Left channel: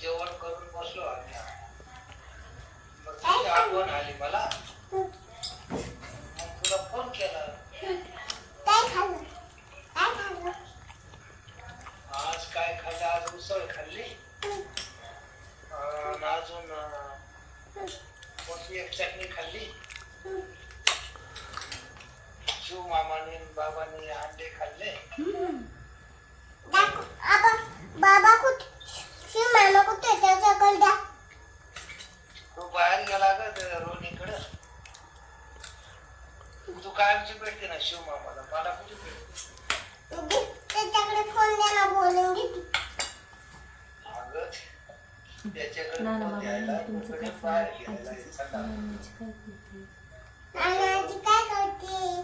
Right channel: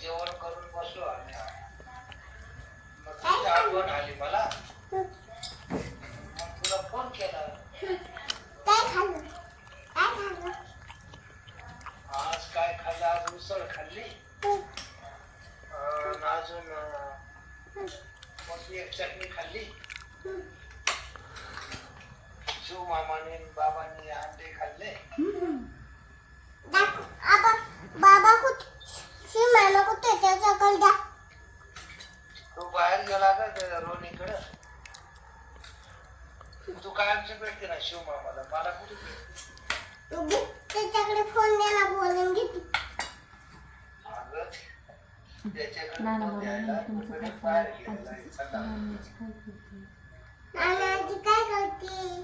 जेवण करून बसलो आम्ही. मग आठवण आली मला मग तुला फोन केला काय खाल्लं काय खाल्लं आज काय खाल्लं आज उसळ खाल्ली. अजून मोठी एक चटणी खाल्ली. शिव मामाने बाबांनी अंडे खाल्ले. बाबा कुठे? शिव मामा कुठे त्याच्याकडे तू बाहेर गेला का रोनीकडं तू कायमची भेटते ना शिव मामाला? मला कुठे त्याच्याकडे फोन द्या ना बोलून घेते. अगं, त्याच्याकडे ना ना फोन बाबा तुमचं काय आहे काय करते? नानाजी काय करते?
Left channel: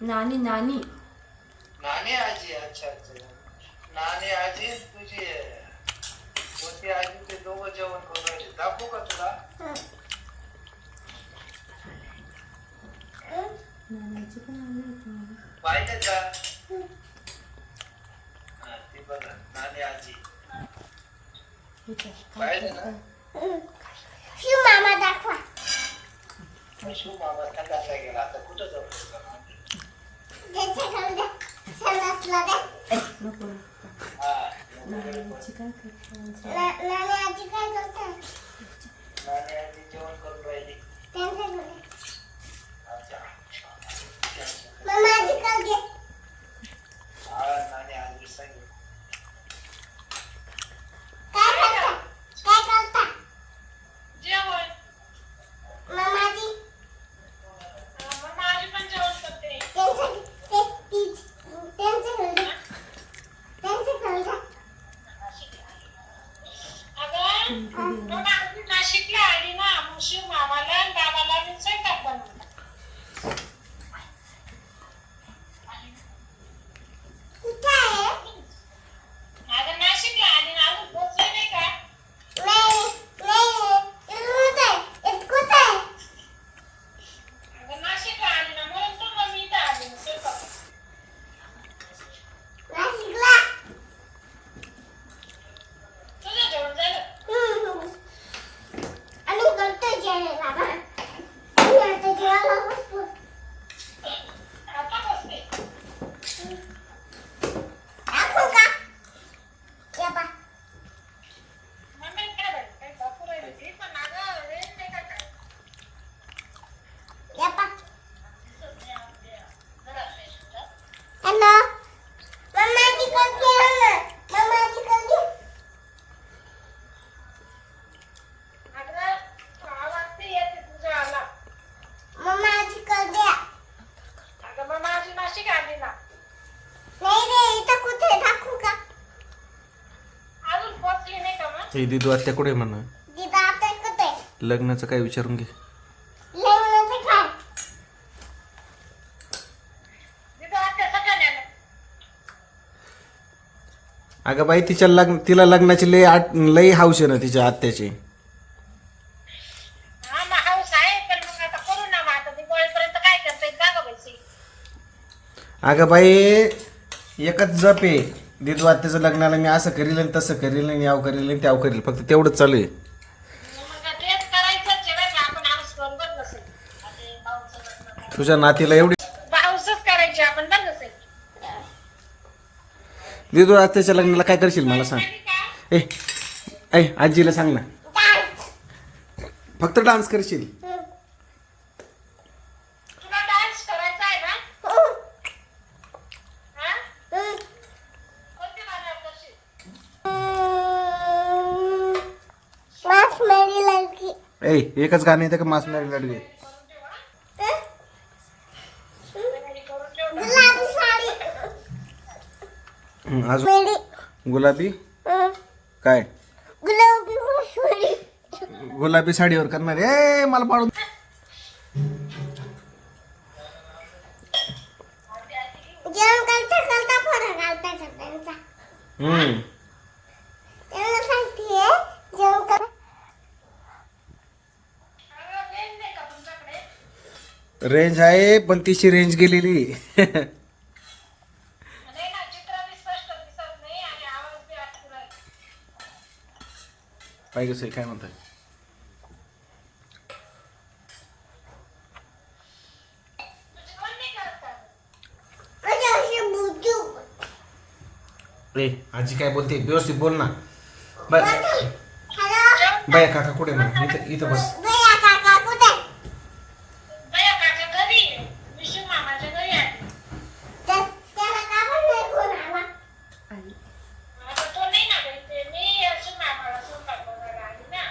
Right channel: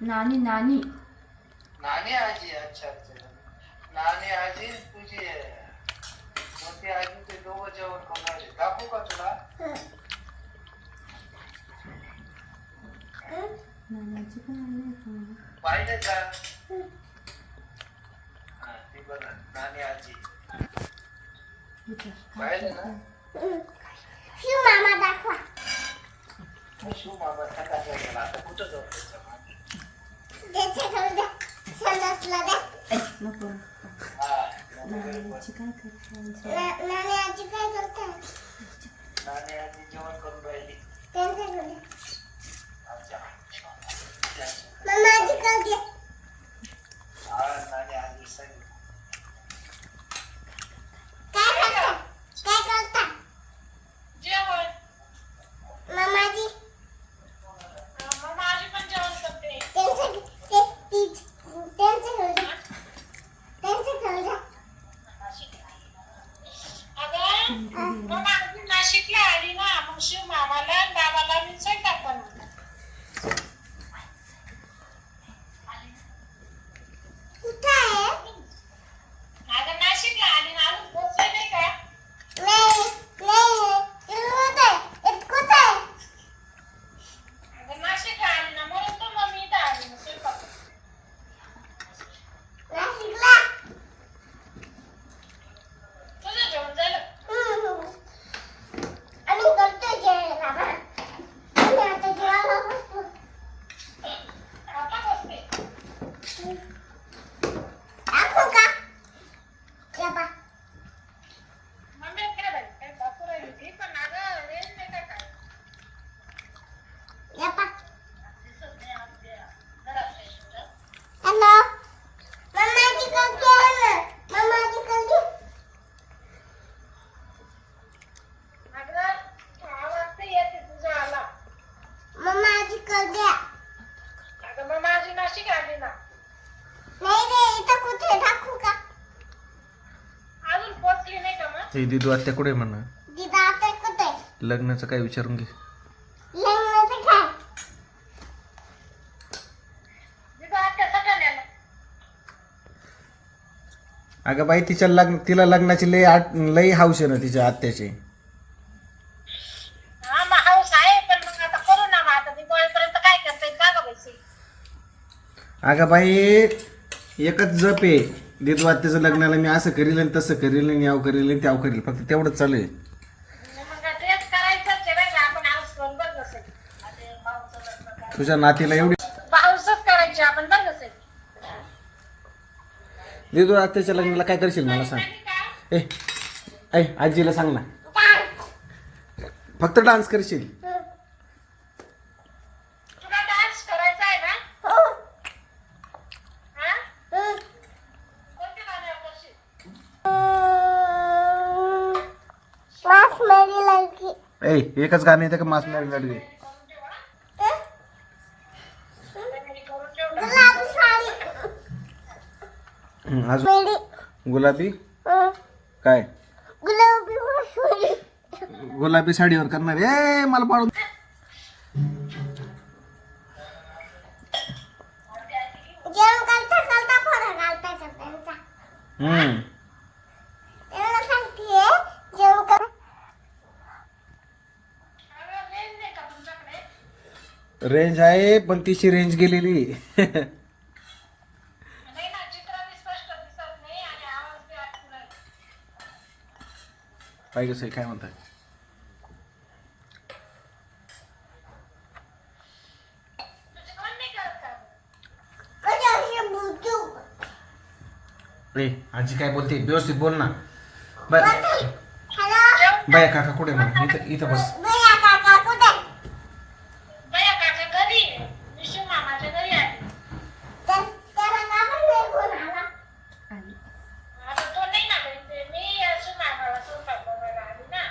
नानी नानी नानी आजी? अच्छा अच्छा. नाणे आजी तुझी मोठी आजी ते दोघं जेवण करून दाखवू का तुला हं. हं? नानाची पण आली होती पाहिजे का हा ते बघा नाणे आजी पाहिजे ना. शिव मामा दाखवा शिव मामा संडासला गेला आता कुठं जाऊ त्याच्याकडे द्या संडासला द्या नको हा नानाची काय करते ना- नानी आजी काय करते नाणे आजी जेवण करून राहिली त्यांच्याकडे द्या. अच्छा मामा आजीकडे द्या हा नाणे आजी सांगितलं काय करता काय करता जेवण मामाजी मग माझी पण जेवण करते त्यांच्या ते ती- त्यांच्याकडे द्या त्यांच्याकडे द्या अगं मग माझी नाशिकला आली ना मग शिव मामाला आणि बाबाला मी स्वयंपाक बनवला कुठं आहे अगं नाशिकला आली ना अजून पोचली नाही का नाही नाही कुठं आहे कुठं आहे अगं नाशिकला आली ना म्हणून तर मग मी इथं आली ना स्वयंपाक नाशिकला तुझं जेवण झालं हम्म. आम्ही करतोय जेवण बाबा आम्ही आता जेवायला बसलो आता बसते दाखवू का या बा मम्मी काय बाई काय दाखवू राहिली ती पण अगं रेंज नाही काय काय या बा दिसत नाही आमच्या घरात नाही तुझ्या. हॅलो मम्माजी करते ना मम्माजी करते अगं आवाज ते येते तुझा आला मम्माजी करते अगं मग माझी नाशिक आली ना नाही रे इथं कुठे दाखवू का अजून पोचली नाही का मग हे दिदू आत्या कुठे म्हणा? लग्नाचं काय विचारून घे. अगं बाई तिच्या लग्न तिला लग्नाची लई आठ लई हाऊस आहे ना तिच्या आत्याची. हा मग हाऊस आहे पण मग आता करू ना मग. आता दिवाळीपर्यंत काय करता येईल? का गं बाई अगं बाई एकच जप आहे. दिदू लग्नाला मी असं करील आणि तसं करील आणि याव करील आणि त्याव करील. फक्त तेवढंच चालू आहे. मग तेच करायचंच आहे बरं का, आपण करून नसेल अरे भाऊचं लग्न काय. तुझ्या नातीला एवढी हाऊसच करायची आपण नसेल दिदू आत्याच्या लग्नाला काय करशील मला सांग. ए ऐ आजीला सांग ना. फक्त डान्स करशील तुला डान्स करायचा आहे ना हो हा हं. कोणते गाण्यावर करशील मासमरी लडकी ए एकच गाणं येतं का मासणारी हं, अजून? गुलाबी. काय? गुलाबी साडीवर करणार ए मला पाडून हम्म त्यांना सांगते जेवण कर अगं, रेंज नाही का तुमच्याकडे रेंज आहे पण तिची रेंज गेलेली. नाही ना चित्र बी स्पष्ट दिसत नाही आणि आवाज बी अटकू राहिला पाहिजे काय म्हणताय? म्हणजे कोण नाही करत का? म्हणजे अशी बुजू ए आजी काय बोलते? व्यवस्थित बोल ना. बाय. हॅलो बाय काका कुठे ना इथं इथं बस बया काका कुठे बया काका घरी आहे. विशू मामाच्या घरी आहे त्या- त्याला का पण नाही फोन आला आणि आता तो नाही ना घरी ते मी असं मामाला स्वयंपाक बनवायला आली ना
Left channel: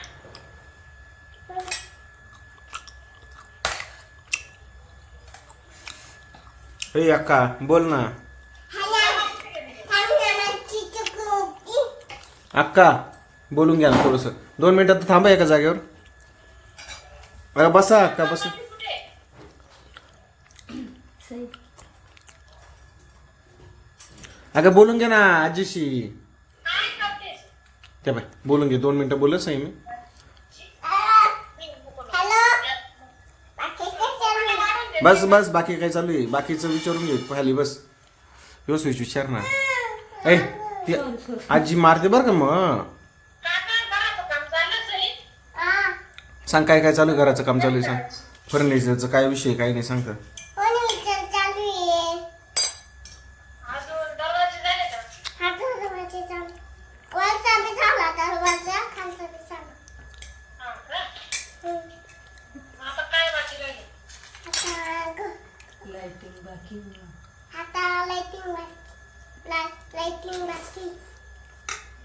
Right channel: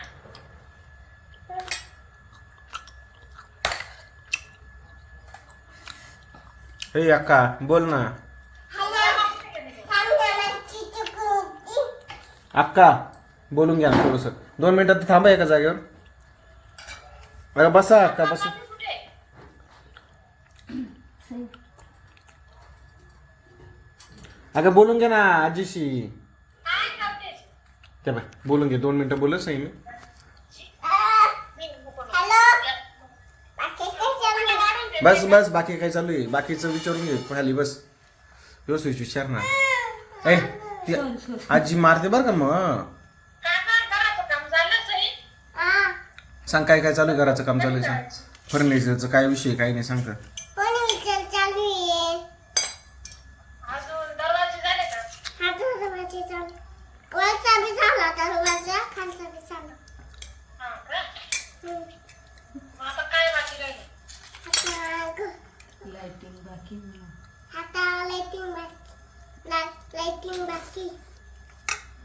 ए अक्का बोल ना. अक्का बोलून घ्या ना थोडस. दोन मिनिटात थांबा एका जागेवर. अगं बसा अक्का बसा. अगं बोलून घ्या ना आजीशी. त्या बाय बोलून घे. दोन मिनिटं बोलत मी मी नको नको. बस बस बाकी काय चालू आहे? बाकीचं विचारून घे खाली बस. व्यवस्थित विचार ना. ए ती आजी मारते बरं का मग? सांग काय काय चालू आहे घराचं काम चालू आहे सांग. फर्निचरचं काय विषय काय नाही सांग तर. अजून दरवाजे झाले का हा का मग आता काय बाकी राहिले लाईटिंग बाकी नाही. आता लाइटिंग लाइटिंग बाकी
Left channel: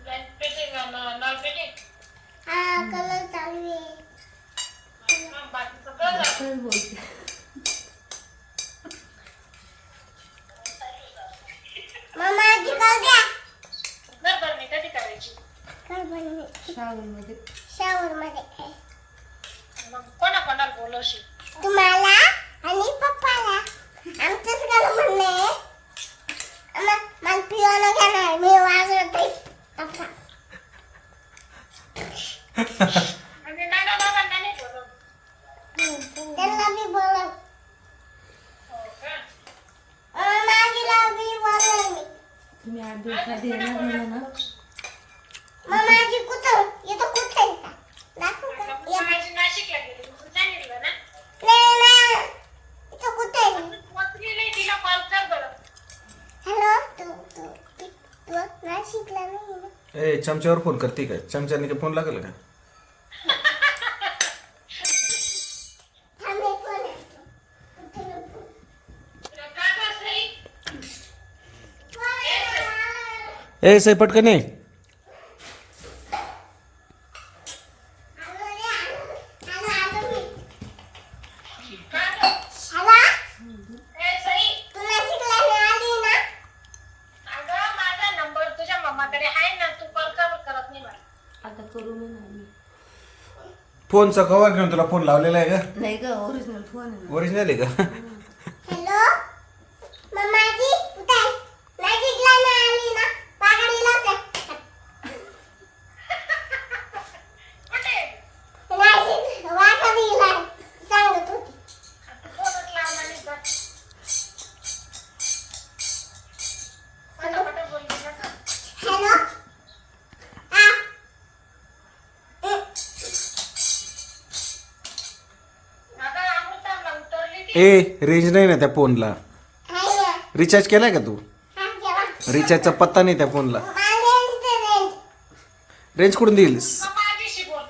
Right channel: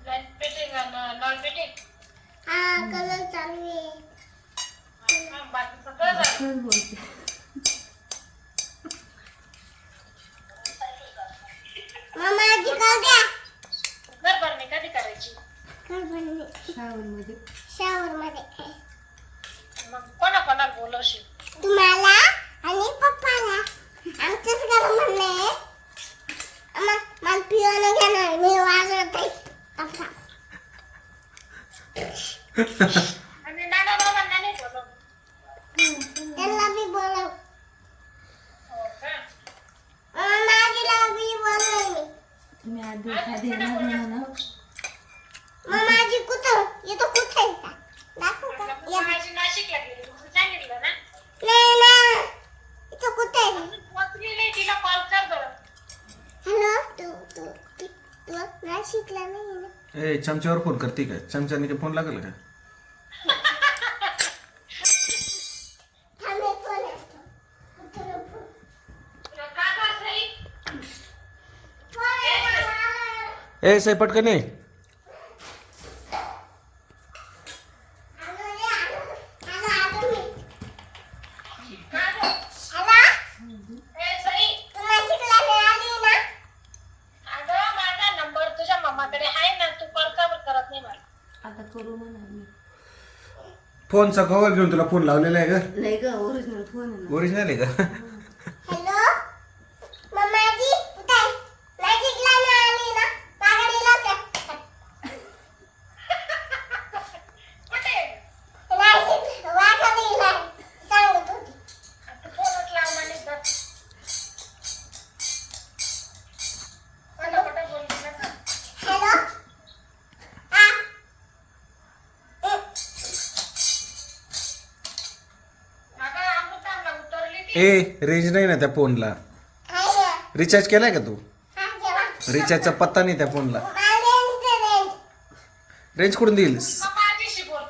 लाइट फिटिंग आणि नळ फिटिंग हा कलर चालू आहे मग बाकीचं काय झालं खरंच बोलते मम्मा आजी कळ कधी करायची कर शावर मध्ये मग कोणा कोणाला बोलवशील तुम्हाला आणि पप्पाला आमचंच घर म्हणले मला पियानो घेणार मी वाजवते असा नाही ना ए चमच्यावर फ़ोन करती काय? चमच्याने काय फ़ोन लागेल का? थांब एक फ़ोन येतो. फ़ोन ए से पटकन ये. फोनचा कवर घेऊन तुला फोन लावलेला आहे का? नाही ग ओरिजिनल फोन आहे ना. ओरिजिनल आहे का? ए रेंज नाही ना त्या फोनला रिचार्ज केलाय का तू? रिचार्जचा पत्ता नाही त्या फोनला रेंज कुठून देईल मग माझ्याशी बोल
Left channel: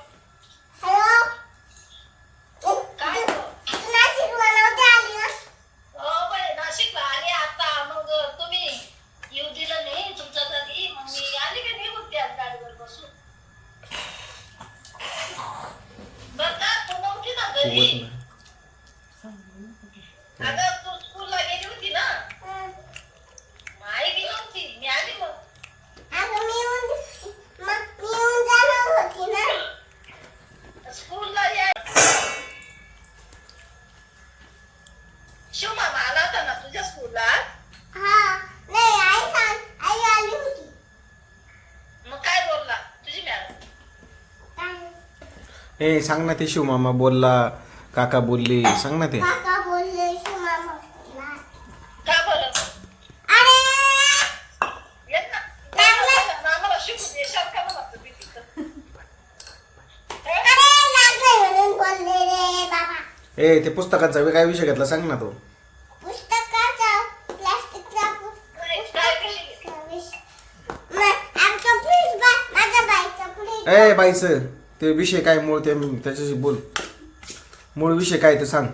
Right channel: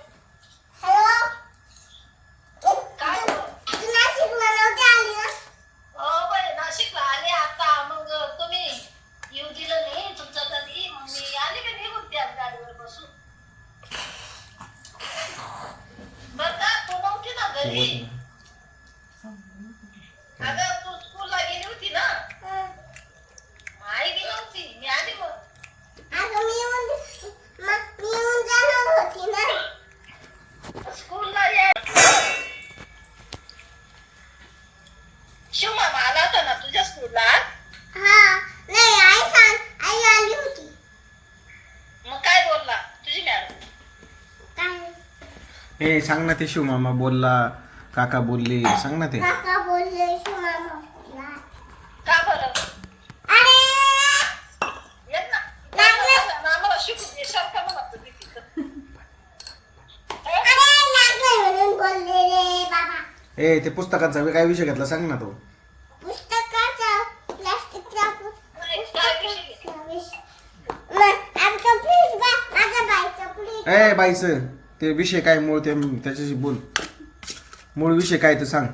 हॅलो काय बोल तू नाशिकला नव्हती आली ना हो बाई नाशिकला आली आता मग तुम्ही येऊ दिलं नाही तुमच्या घरी मग मी आली का निघून त्याच गाडीवर बसून बरं का तू नव्हती ना घरी अगं तू स्कूलला गेली होती ना हं. आई गेली नव्हती मी आली मग अगं मी येऊन मग मी येऊन जाणार होती ना स्कूलला या ए सांग ना ते शिवमामा बोलला. काका बोलले. सांग ना ते. काका बोलले शिव मामा का बरं अरे! येत ना. मामाला आम्हाला शिकू दे. सारखा मला तुम्ही तिथं अरे लागले म्हणून बोलले रे बाबा. ए ते पुस्तकाचा काय विषय घेतला? सांग ना तो. पुस्तकाचा प्लास्टिकचा नाही, काय विषय घेतला? आमचा फ्रीज बा माझ्या बाईचा फ्रीज ए बाईचं. ते विषय काय मूळ ते त्याच्याशी बोल. मूळ विषय काय ते सांग.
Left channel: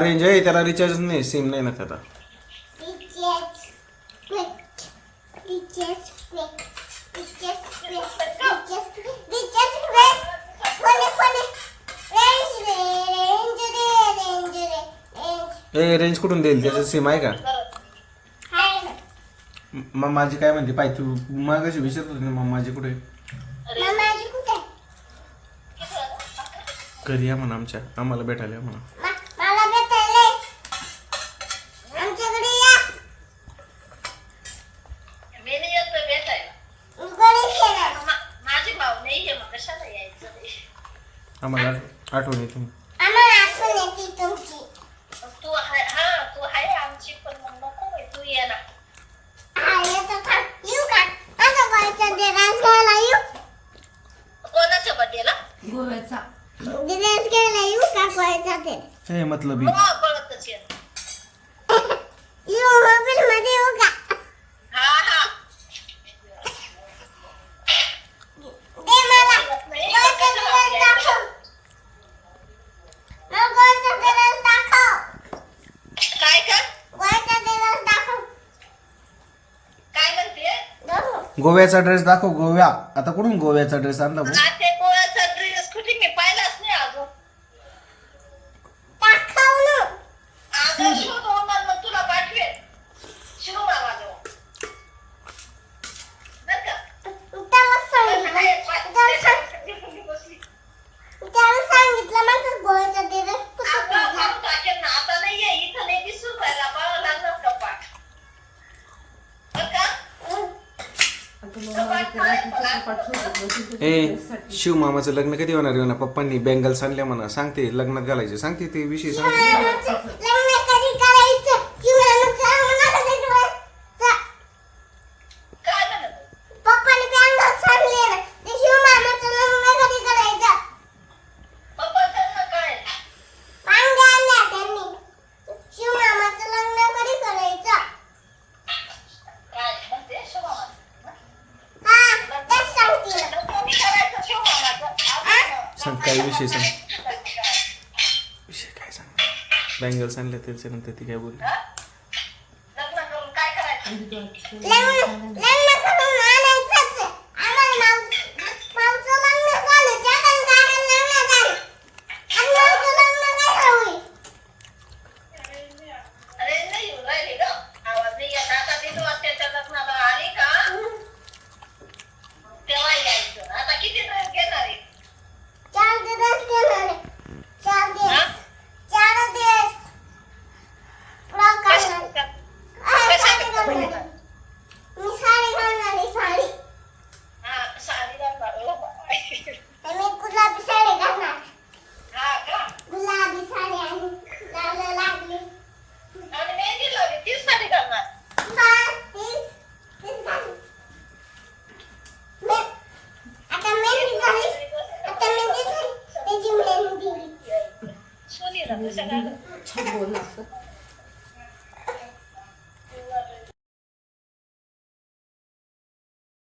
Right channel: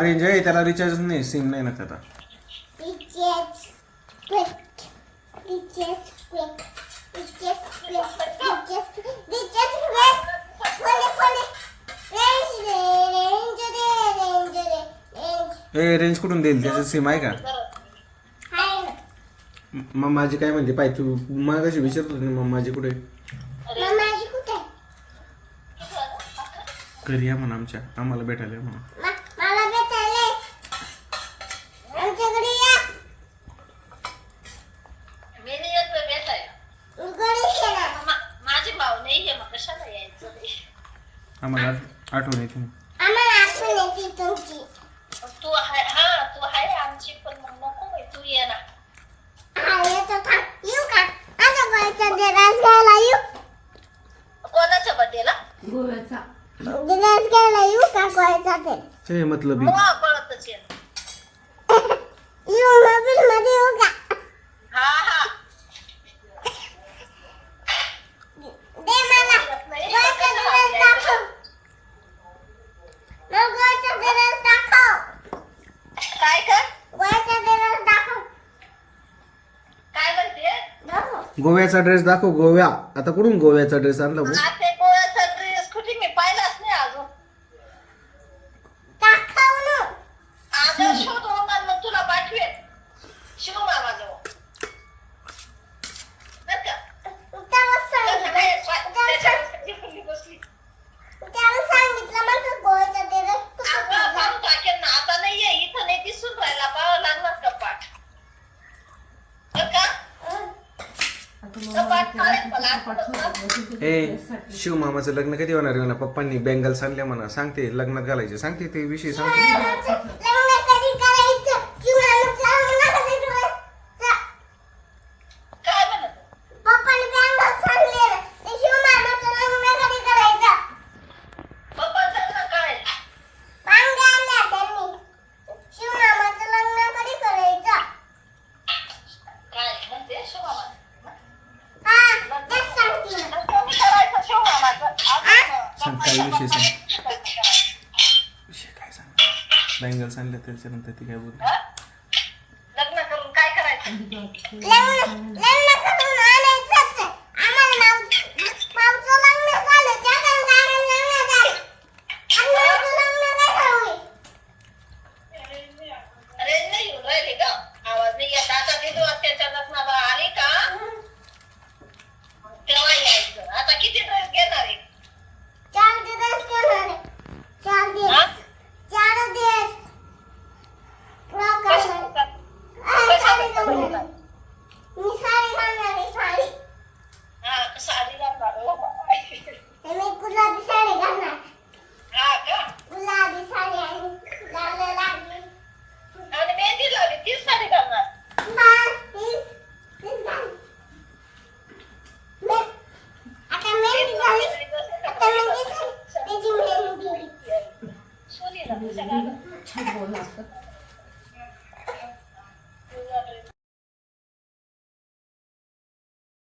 रेंज आहे त्याला रिचार्ज नाही सिम नाही ना त्याचा रेंज कुठून देईल? त्याचं सिम आहे का? मग माझी काय म्हणते पाय तू मग कशी विचारत होती ना माझी कुठे आहे? घरी या म्हणा आमच्या आम्हाला भेटायला या म्हणा मा- मला भेटायला ये. आमच्याकडे या. मी नाही येत बाई भेटायला. गणेश येणार. मा- माझी भाऊ नाही हे मग कशाला यायचं रे? आम्हाला आठ- आठवण येते आम्हाला आठवण येते तुमची. तू आहे हा तू आहे आमची पण मग नको बाई, तू ये ना हा, येतो थांब. येऊ का? आता बाईचा दिरास घ्यायला येऊ? कोणाच्या बड्डेला गोव्याचा का? हे मतलब हो पळतच ये येऊ मोबाईल मध्ये येऊ का? हा हा दे मला. नाही, गोळ्याचा दिरास दाखव. मग गोळ्याचा दिरास दाखव. काय कर गोळ्याचा दिरास दाखव. काय म्हणते दाखव. गोव्याचा ड्रेस दाखव गोव्या आता कुठून गोव्याचा ड्रेस आणला भाऊ ते गोळ्याचा ड्रेस कुठे मी पाहिलाच नाही अजून दाखव ना. आदर शोधून मग तुला पाठवेन शिरू मामाजवळ बरं का त्याला सांगितलं. त्याला सांग- बसली त्याला सांगितलं मग तो गोळ्याचा दिरास कुठं आता ठेवला? पाहून टाकेल ना आता नाहीये इथं नाही दिसून राहिला पाहावं लागणार का पाठ बरं का आता मम्मा पाठवतो ए शिव मामाचं लग्न कधी होणार आहे म्हणा? पप्पांनी बँगल्स आणल्या म्हणा. सांगते लग्नात घालायचे. सांगते ते विषय सांगते लग्न कधी करायचं? किंवा मग लग्न कधी करायचं? काय म्हणत पप्पाने बँगल्स आणले ना. ते शिवमामाचं लग्न कधी करायचं? पप्पांचं ना काय वांग्या आणल्या त्यांनी. शिवमामाचं लग्न कधी करायचं? काय म्हणते शिवमामा हा, तेच सांगते ना. कमी करायचं शिवमामाचं सांग काय विषय सांग. विषय काय सांग? त्याच्यानंतर ती काय बोल लग्न करून काय करायचं?